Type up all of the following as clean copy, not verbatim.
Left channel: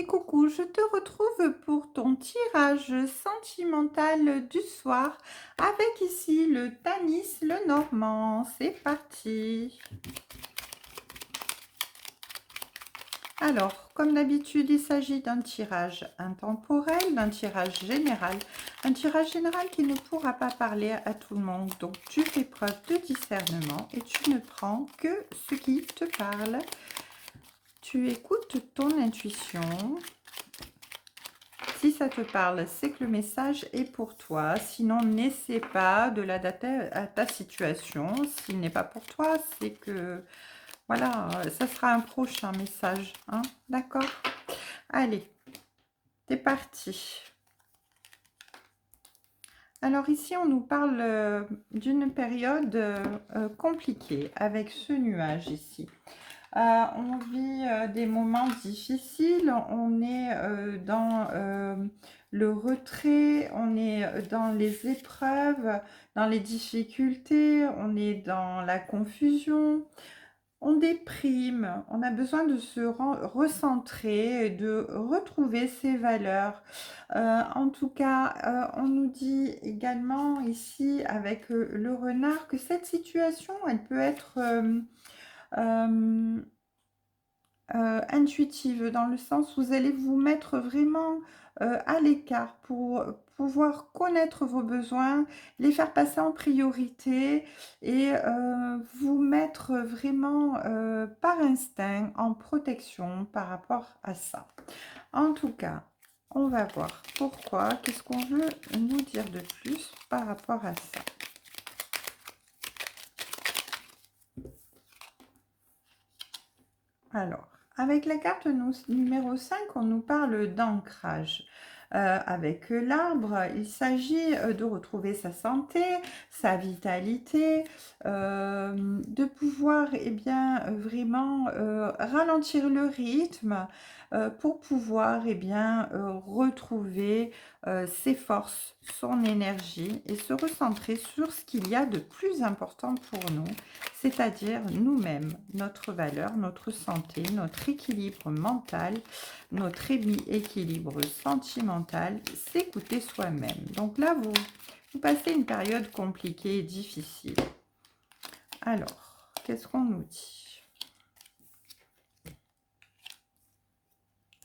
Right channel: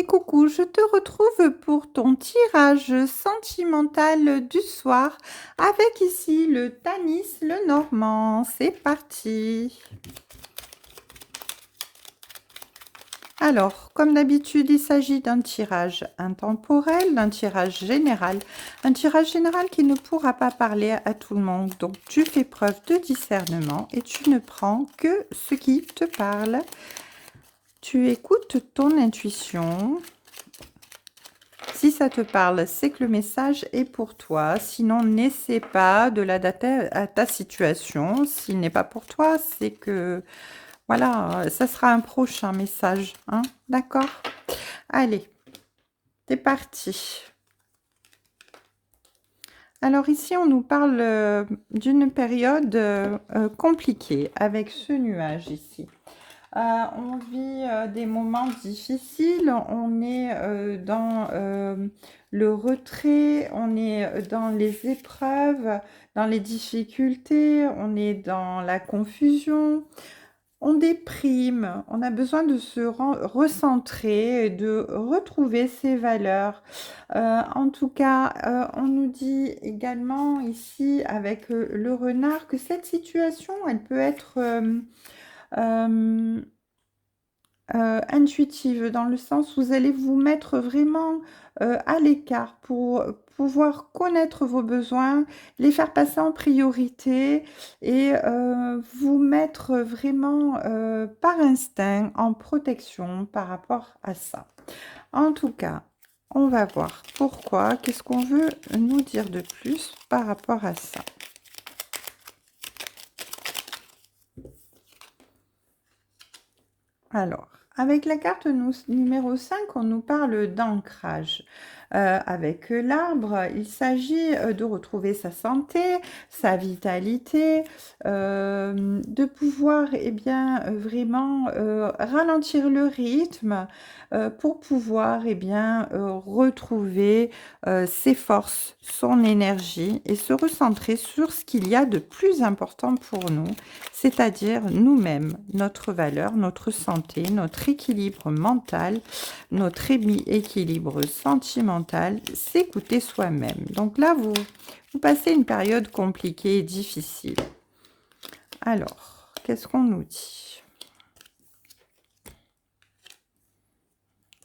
Et coucou, je te retrouve pour ton tirage sentimental du soir avec ici le Tanis le Normand. C'est parti. Alors, comme d'habitude, il s'agit d'un tirage intemporel, un tirage général qui ne pourra pas parler à tout le monde. Donc, tu fais preuve de discernement et tu ne prends que ce qui te parle. Tu écoutes ton intuition. Si ça te parle, c'est que le message est pour toi. Sinon, n'essaie pas de l'adapter à ta situation. S'il n'est pas pour toi, c'est que, voilà, ça sera un prochain message. Hein, d'accord? Allez, c'est parti. Alors ici, on nous parle d'une période compliquée avec ce nuage ici. On vit des moments difficiles, on est dans le retrait, on est dans les épreuves, dans les difficultés, on est dans la confusion, on déprime, on a besoin de se recentrer, et de retrouver ses valeurs. En tout cas, on nous dit également ici avec le renard que cette situation, elle peut être euh, intuitive, dans le sens où vous allez vous mettre vraiment à l'écart pour pouvoir connaître vos besoins, les faire passer en priorité et vous mettre vraiment par instinct en protection par rapport à ça. En tout cas, on va voir pourquoi, qu'est-ce qu'on veut nous dire de plus par rapport à ça. Alors, avec la carte numéro 5, on nous parle d'ancrage. Avec l'arbre, il s'agit de retrouver sa santé, sa vitalité, de pouvoir bien, vraiment ralentir le rythme pour pouvoir bien, retrouver ses forces, son énergie et se recentrer sur ce qu'il y a de plus important pour nous, c'est-à-dire nous-mêmes, notre valeur, notre santé, notre équilibre mental, notre équilibre sentimental, s'écouter soi-même. Donc là, vous passez une période compliquée et difficile. Alors, qu'est-ce qu'on nous dit?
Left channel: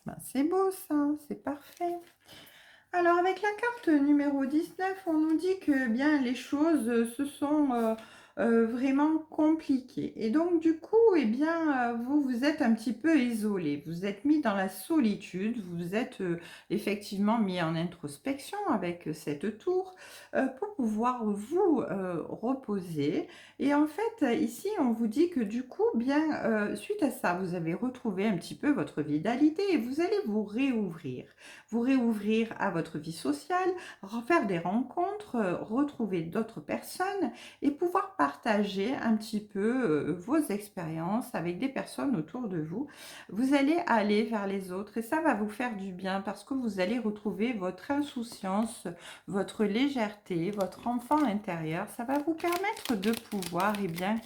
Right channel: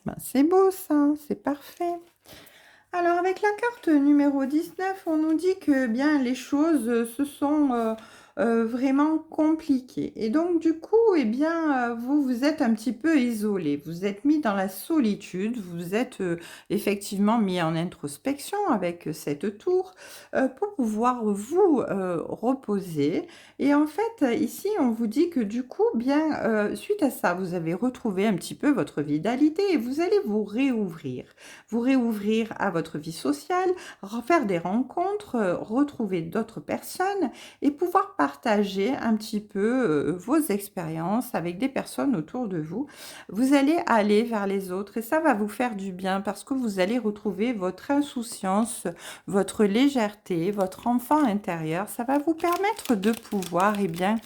Ben, c'est beau ça, c'est parfait. Alors, avec la carte numéro 19, on nous dit que bien les choses se sont vraiment compliquées. Et donc, du coup, eh bien, vous vous êtes un petit peu isolé. Vous êtes mis dans la solitude. Vous êtes effectivement mis en introspection avec cette tour pour pouvoir vous reposer. Et en fait, ici, on vous dit que du coup, bien, suite à ça, vous avez retrouvé un petit peu votre vitalité et vous allez vous réouvrir à votre vie sociale, faire des rencontres, retrouver d'autres personnes et pouvoir partager un petit peu vos expériences avec des personnes autour de vous. Vous allez aller vers les autres et ça va vous faire du bien parce que vous allez retrouver votre insouciance, votre légèreté, votre enfant intérieur. Ça va vous permettre de pouvoir bien,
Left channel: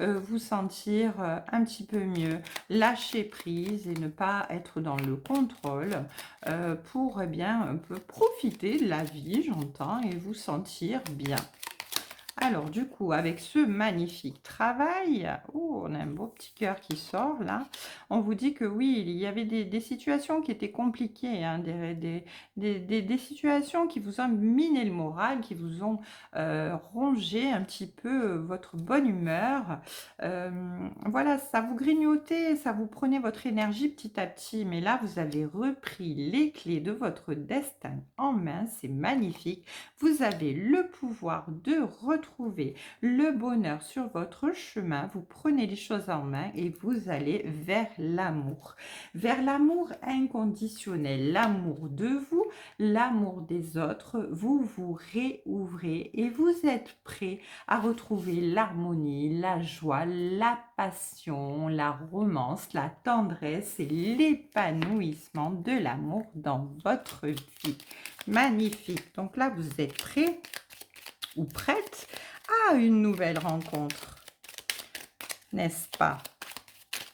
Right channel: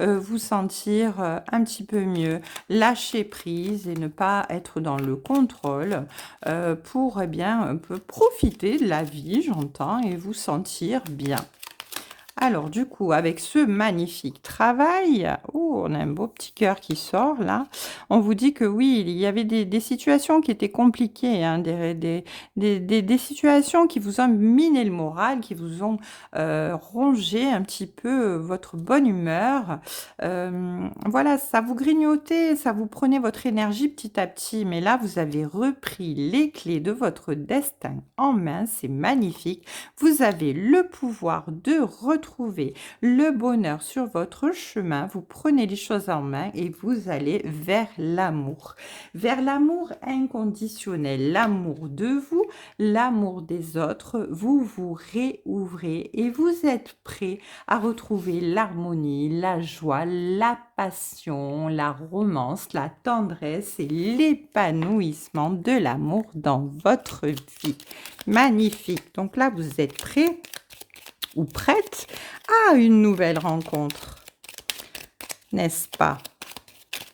vous sentir un petit peu mieux, lâcher prise et ne pas être dans le contrôle pour bien un peu profiter de la vie, j'entends, et vous sentir bien. Alors du coup, avec ce magnifique travail, oh, on a un beau petit cœur qui sort là, on vous dit que oui, il y avait des situations qui étaient compliquées, hein, des situations qui vous ont miné le moral, qui vous ont rongé un petit peu votre bonne humeur. Voilà, ça vous grignotait, ça vous prenait votre énergie petit à petit, mais là, vous avez repris les clés de votre destin en main, c'est magnifique. Vous avez le pouvoir de retrouver le bonheur sur votre chemin. Vous prenez les choses en main et vous allez vers l'amour inconditionnel, l'amour de vous, l'amour des autres. Vous vous réouvrez et vous êtes prêt à retrouver l'harmonie, la joie, la passion, la romance, la tendresse et l'épanouissement de l'amour dans votre vie. Magnifique. Donc là, vous êtes prêt ou prête à une nouvelle rencontre, n'est-ce pas?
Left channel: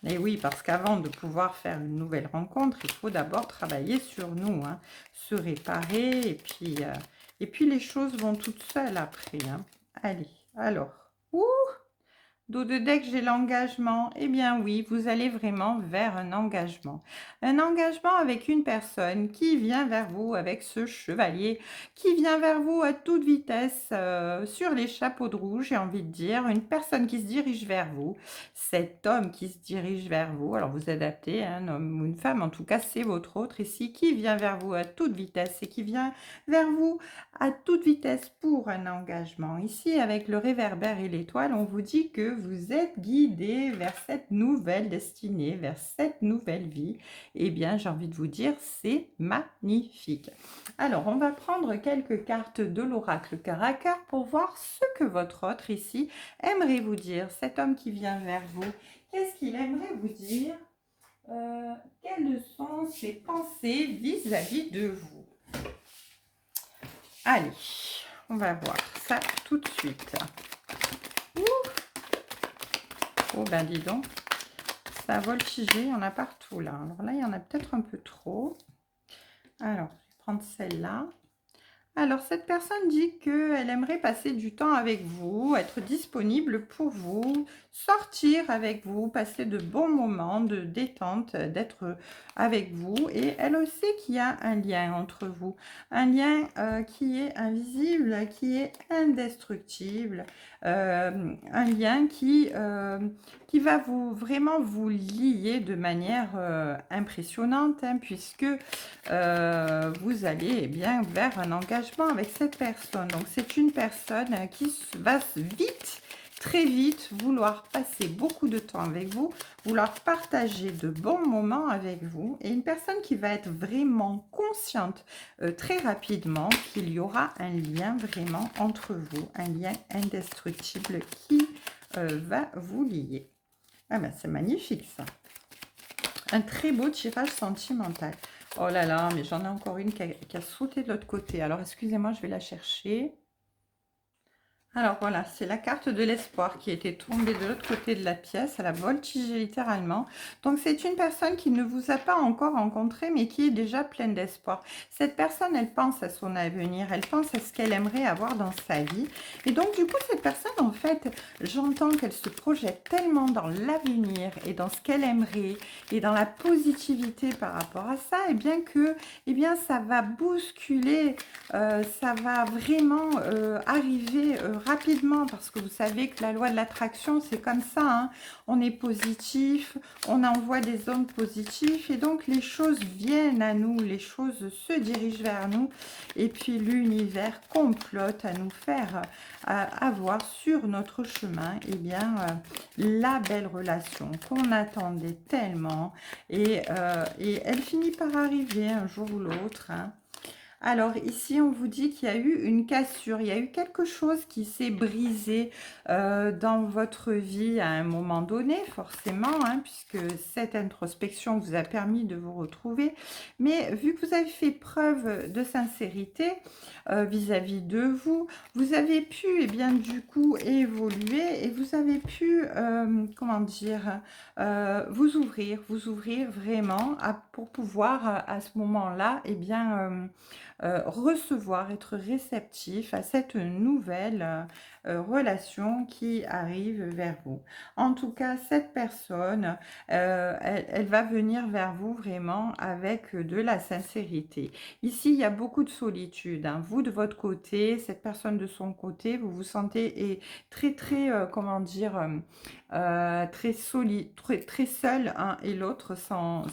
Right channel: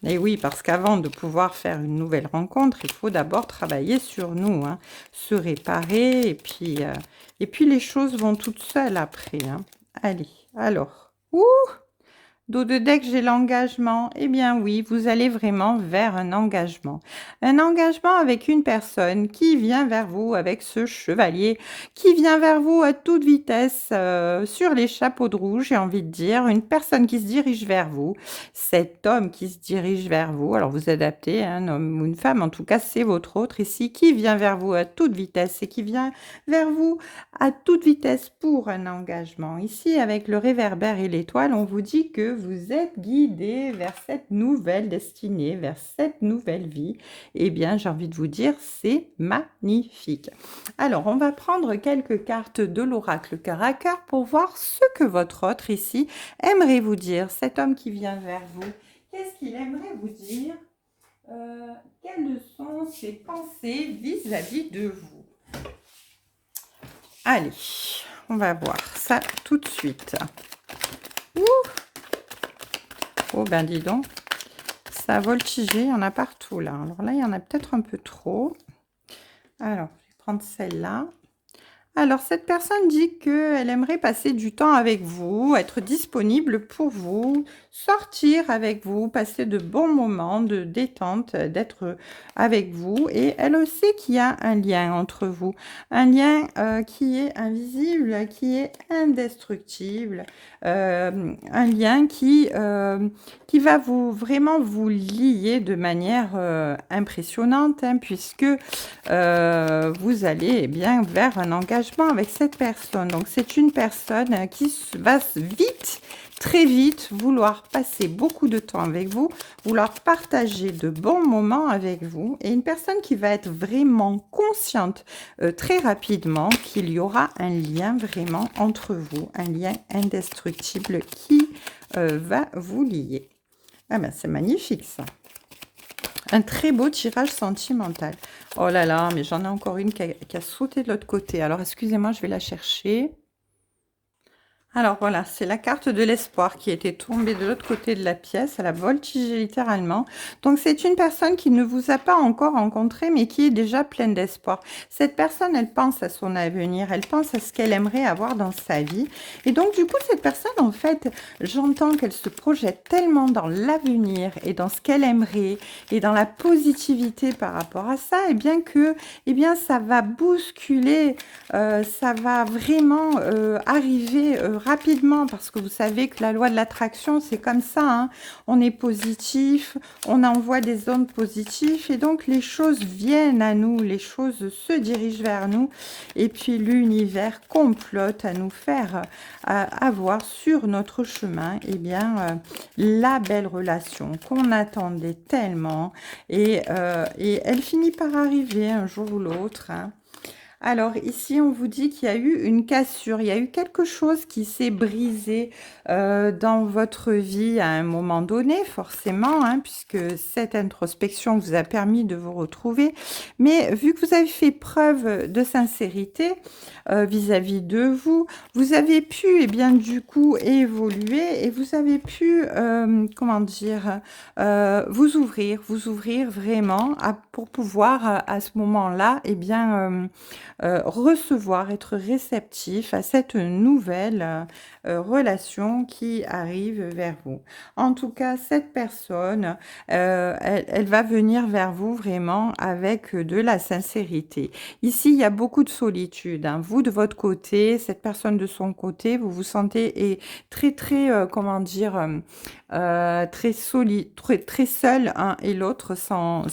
Et oui, parce qu'avant de pouvoir faire une nouvelle rencontre, il faut d'abord travailler sur nous, hein, se réparer et puis les choses vont toutes seules après, hein. Allez, alors, ouh! Dos de deck, j'ai l'engagement. Eh bien oui, vous allez vraiment vers un engagement. Un engagement avec une personne qui vient vers vous avec ce chevalier, qui vient vers vous à toute vitesse sur les chapeaux de roue, j'ai envie de dire. Une personne qui se dirige vers vous. Cet homme qui se dirige vers vous. Alors vous adaptez, hein, un homme ou une femme, en tout cas c'est votre autre ici, qui vient vers vous à toute vitesse et qui vient vers vous à toute vitesse pour un engagement. Ici, avec le réverbère et l'étoile, on vous dit que vous êtes guidé vers cette nouvelle destinée, vers cette nouvelle vie. Eh bien, j'ai envie de vous dire, c'est magnifique. Alors, on va prendre quelques cartes de l'oracle cœur à cœur pour voir ce que votre autre ici aimerait vous dire. Cet homme qui vient vers vous, qu'est-ce qu'il aimerait vous dire? Quelles sont ses pensées vis-à-vis de vous? Allez, on va voir ça tout de suite. Ouh. Oh ben dis donc, ça a voltigé, il y en a partout là. Alors là, il y en a peut-être un peu trop. Alors, je vais prendre celle-là. Alors, cette personne dit qu'elle aimerait passer du temps avec vous, être disponible pour vous, sortir avec vous, passer de bons moments de détente, d'être avec vous. Et elle sait qu'il y a un lien entre vous, un lien qui est invisible, qui est indestructible, un lien qui va vraiment vous lier de manière impressionnante, hein, puisque vous allez bien vers un engagement avec cette personne. Donc, c'est une personne qui va vite, très vite, vouloir passer beaucoup de temps avec vous, vouloir partager de bons moments avec vous, et une personne qui va être vraiment consciente très rapidement qu'il y aura un lien vraiment entre vous, un lien indestructible qui va vous lier. Ah ben, c'est magnifique ça. Un très beau tirage sentimental. Oh là là, mais j'en ai encore une qui a sauté de l'autre côté. Alors, excusez-moi, je vais la chercher. Alors voilà, c'est la carte de l'espoir qui était tombée de l'autre côté de la pièce. Elle a voltigé littéralement. Donc c'est une personne qui ne vous a pas encore rencontré, mais qui est déjà pleine d'espoir. Cette personne, elle pense à son avenir, elle pense à ce qu'elle aimerait avoir dans sa vie. Et donc du coup, cette personne, en fait, j'entends qu'elle se projette tellement dans l'avenir et dans ce qu'elle aimerait et dans la positivité par rapport à ça, et bien que, eh bien, ça va bousculer, ça va vraiment arriver rapidement, parce que vous savez que la loi de l'attraction, c'est comme ça, hein. On est positif, on envoie des ondes positives et donc les choses viennent à nous, les choses se dirigent vers nous et puis l'univers complote à nous faire avoir sur notre chemin la belle relation qu'on attendait tellement et elle finit par arriver un jour ou l'autre, hein. Alors ici, on vous dit qu'il y a eu une cassure, il y a eu quelque chose qui s'est brisé dans votre vie à un moment donné, forcément, hein, puisque cette introspection vous a permis de vous retrouver. Mais vu que vous avez fait preuve de sincérité vis-à-vis de vous, vous avez pu, eh bien, du coup, évoluer et vous avez pu, comment dire, vous ouvrir vraiment pour pouvoir, à ce moment-là, eh bien, recevoir, être réceptif à cette nouvelle relation qui arrive vers vous. En tout cas, cette personne, elle va venir vers vous vraiment avec de la sincérité. Ici, il y a beaucoup de solitude, hein. Vous, de votre côté, cette personne de son côté, vous vous sentez très, très, comment dire, très solide, très seul un et l'autre sans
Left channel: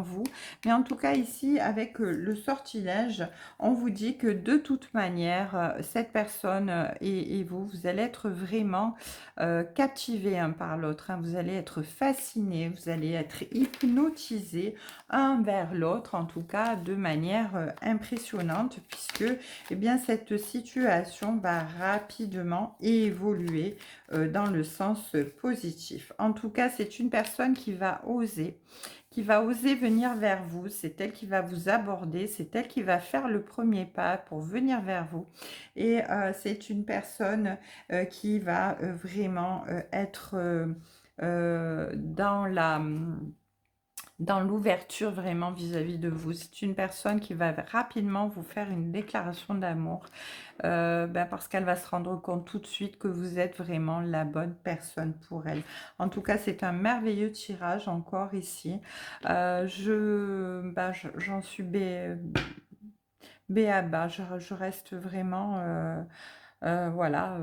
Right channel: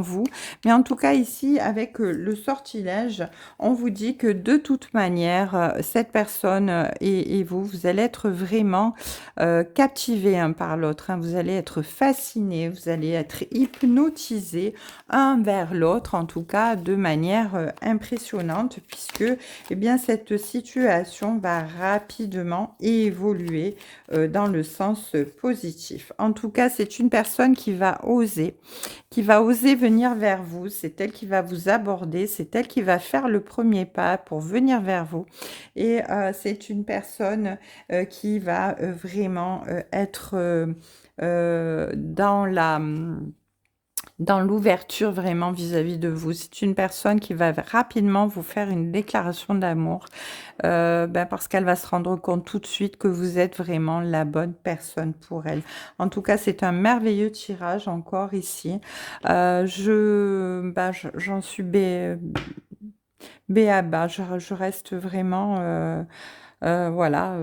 vous. Mais en tout cas, ici, avec le sortilège, on vous dit que de toute manière, cette personne et vous, vous allez être vraiment captivés un par l'autre, hein. Vous allez être fascinés, vous allez être hypnotisés un vers l'autre, en tout cas de manière impressionnante, puisque eh bien, cette situation va rapidement évoluer dans le sens positif. En tout cas, c'est une personne qui va oser venir vers vous. C'est elle qui va vous aborder, c'est elle qui va faire le premier pas pour venir vers vous. Et c'est une personne qui va vraiment être dans dans l'ouverture vraiment vis-à-vis de vous. C'est une personne qui va rapidement vous faire une déclaration d'amour, parce qu'elle va se rendre compte tout de suite que vous êtes vraiment la bonne personne pour elle. En tout cas, c'est un merveilleux tirage encore ici. J'en suis bé à bas. Je reste vraiment, voilà,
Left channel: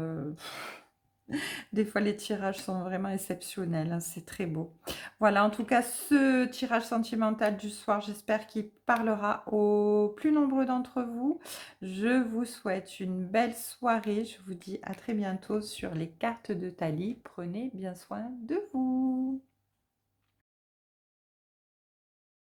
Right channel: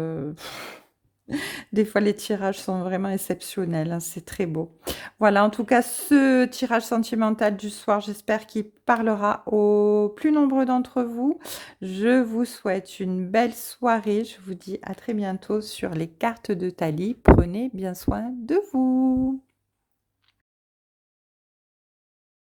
des fois les tirages sont vraiment exceptionnels, hein, c'est très beau. Voilà, en tout cas, ce tirage sentimental du soir, j'espère qu'il parlera au plus nombreux d'entre vous. Je vous souhaite une belle soirée. Je vous dis à très bientôt sur les cartes de Thalie. Prenez bien soin de vous.